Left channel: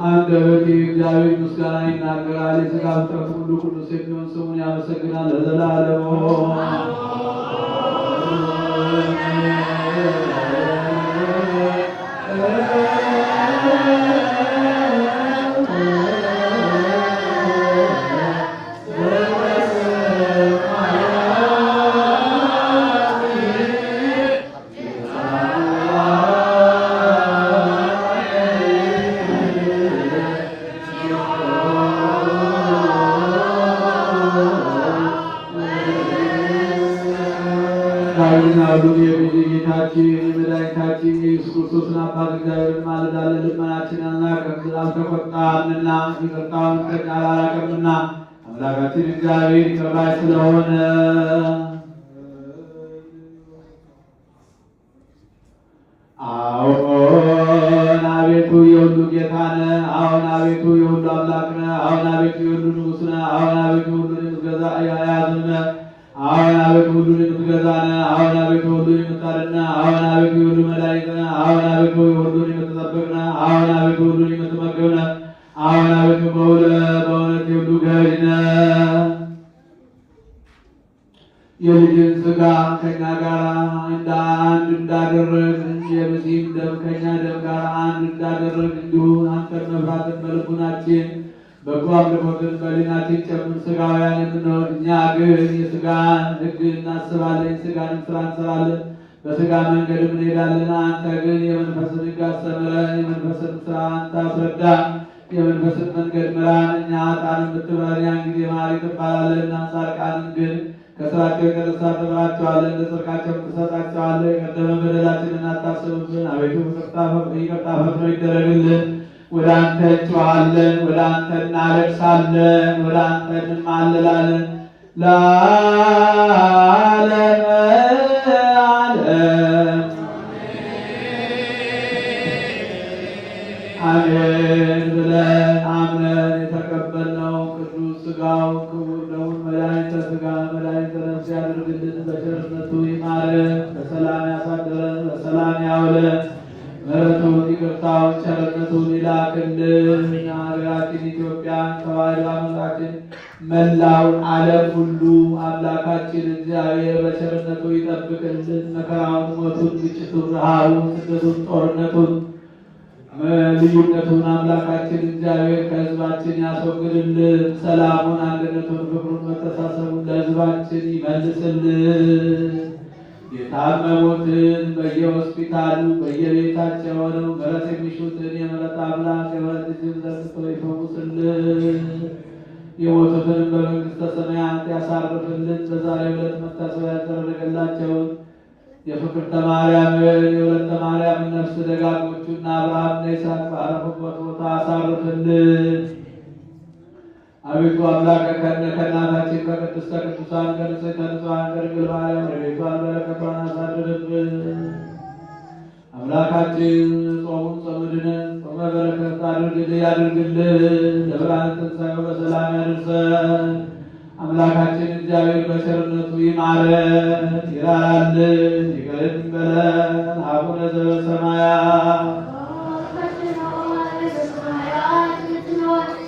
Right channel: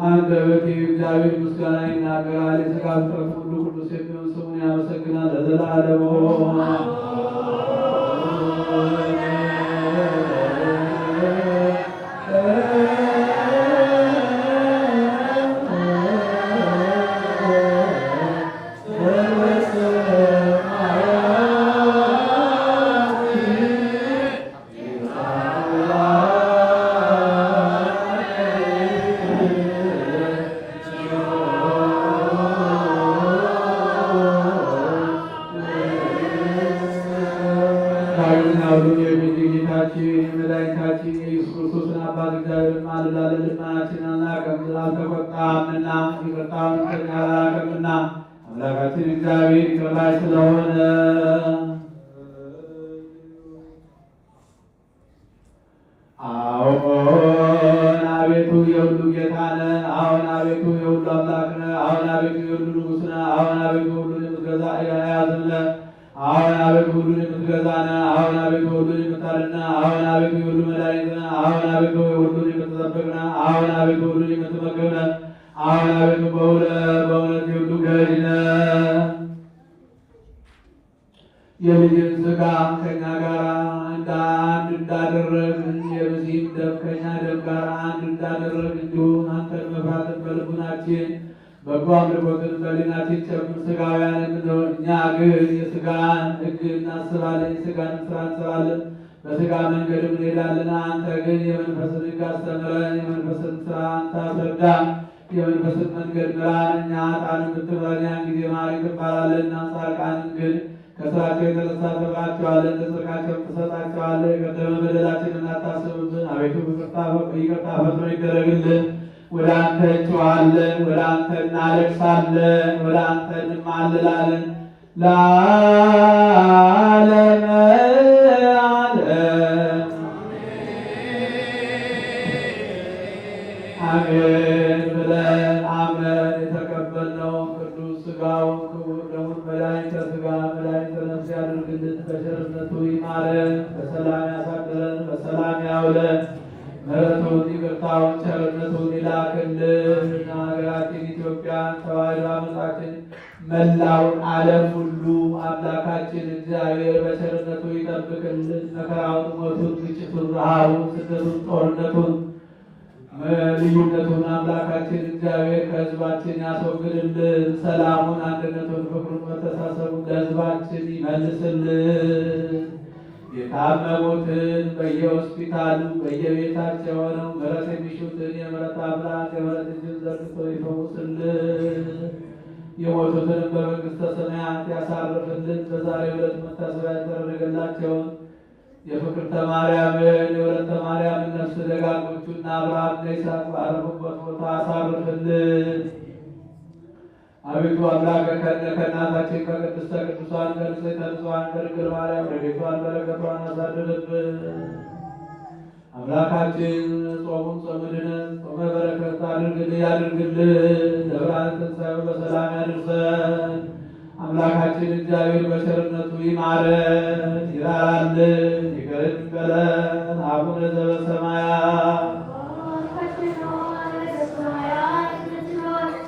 አንደበቴ እግዚአብሔር ምስጋና ይናገራል። የሥጋ ፍጥረት ሁሉ ቅዱስ የሚሆን ስሙን ያመሰግናል ለዘላለሙ። ጌታችን የኢየሱስ ክርስቶስን አባት እግዚአብሔር ማልዳለን። ልመናችንና ከምድር አልተቆጣምና ይቅርታውን ከእኛ አላራቀምና አምላካችን እግዚአብሔር ይቅር ባይ ስለሆነ አዎን አቤቱ የሁሉ ጌታ ነህ። አዎን አቤቱ የሁሉ አምላክ ነህ። አዎን አቤቱ የሁሉ ንጉሥ ነህ። አዎን አቤቱ ሁሉን የምትገዛ ያያዝም ነህ። አዎን አቤቱ ሁሉን የምትገዛ ነህ። አዎን አቤቱ ሁሉን የምታድን ነህ። አዎን አቤቱ የሁሉ መድኃኒት ነህ። አዎን አቤቱ ሁሉን የምትጠብቅ ነህ። አዎን አቤቱ ሁሉን የምትመግብ ነህ። አዎን አቤቱ በእውነት የሁሉ ገዥ ነህ። የልጅን ሥጋ ከእኛ ጋር አንድ እንዳደረግን የልጅን ደም ከእኛ ደም ጋር አንድ እንዳደረግን እንዲሁ አንተን መፍራትን በልቡናችን በጎ አምልኮትን በሕሊናችን ጨምር። ሥጋውያን የምንሆን እኛ ግን የሥጋን ሕግ እናስባለን፣ የሥጋን ሥራ እንሰራለን፣ በሥጋ መንገድም እንሄዳለን። አንተ ግን የመንፈስን ሕግ አስተምረን፣ የመንፈስን ሥራ አንተ አስረዳን፣ የመንፈስን መንገድ ምራን። እኛ ኃጥአንን ብትምረን ያን ጊዜ መሐሪ ትባላለህና፣ ጻድቃንን ግን ከሥራቸው የተነሳ ትምራቸዋለህ፣ ለጽድቃቸው ትሰጣቸዋለህ። የቀደመ በደላችንን አታስብብን። አቤቱ ይቅርታ ፈጥኖ ይደረግልን። ወደ አንተ እንጮኻለን፣ ወደ አንተ እናለቅሳለን፣ ወደ አንተ እንማልላለን። ለዓለመ ዓለም አሜን ብለን አምነን የተቀበልነው ቅዱስ ሥጋው ክቡር ደሙን መድኃኒተ ሥጋ መድኃኒተ ነፍስ ያድርግልን። በቸርነቱ ይማረን፣ በሰላም ያሳድረን፣ በሰላም ያውለን። ምሕረቱን ይቅርታውን ቸርነቱን ይላክልን። ሀገራችን ኢትዮጵያ ተዋሕዶ አመጣችን መላውን ዓለም ሁሉ አምላካችን እግዚአብሔር በቸርነቱ ይጠብቅልን። መከራውን፣ ሞቱን፣ ግጭቱን፣ ረሃቡን፣ ስደቱን፣ ጦርነቱን፣ ልዩነቱን አምላካችን እግዚአብሔር ከሕዝባችን ያስወግድልን። ሰላሙን፣ አንድነቱን፣ ፍቅሩን፣ መተሳሰቡን ለሕዝባችን ይመልስልን። የታመሙትን በየሆስፒታሉ በየቤታቸው ሆነው ምሕረት የሚሹትን የምሕረት አምላክ የምሕረት እጁን ዘርግቶ ይፈውስልን። የሞቱትንም በመንግሥተ ሰማያት ያሳርፍልን። በዛሬው ዕለት መታሰቢያ ያደረገላቸውን የፍቅርተ ማርያምን የወለተ ማርያምን ነፍስ ደጋጎቹና አብርሃምና ይስሐቅ ባረፉበት ቦታ አሳርፍልን። አቤቱ አምላክ ከእናታችን ከቅድስተ ቅዱሳን ከንጽሕተ ንጹሐን ከድንግል ማርያም ረድኤቷን በረከቷን አሳድርብን። አምላካችን ጾሙን ጾመ ድኅነት ጾመ በረከት ያድርግልን። ለብርሃነ ትንሣኤው በሰላም ያድርሰን። አምላካችን እግዚአብሔር በቸርነቱ ይማረን፣ ይራራልን፣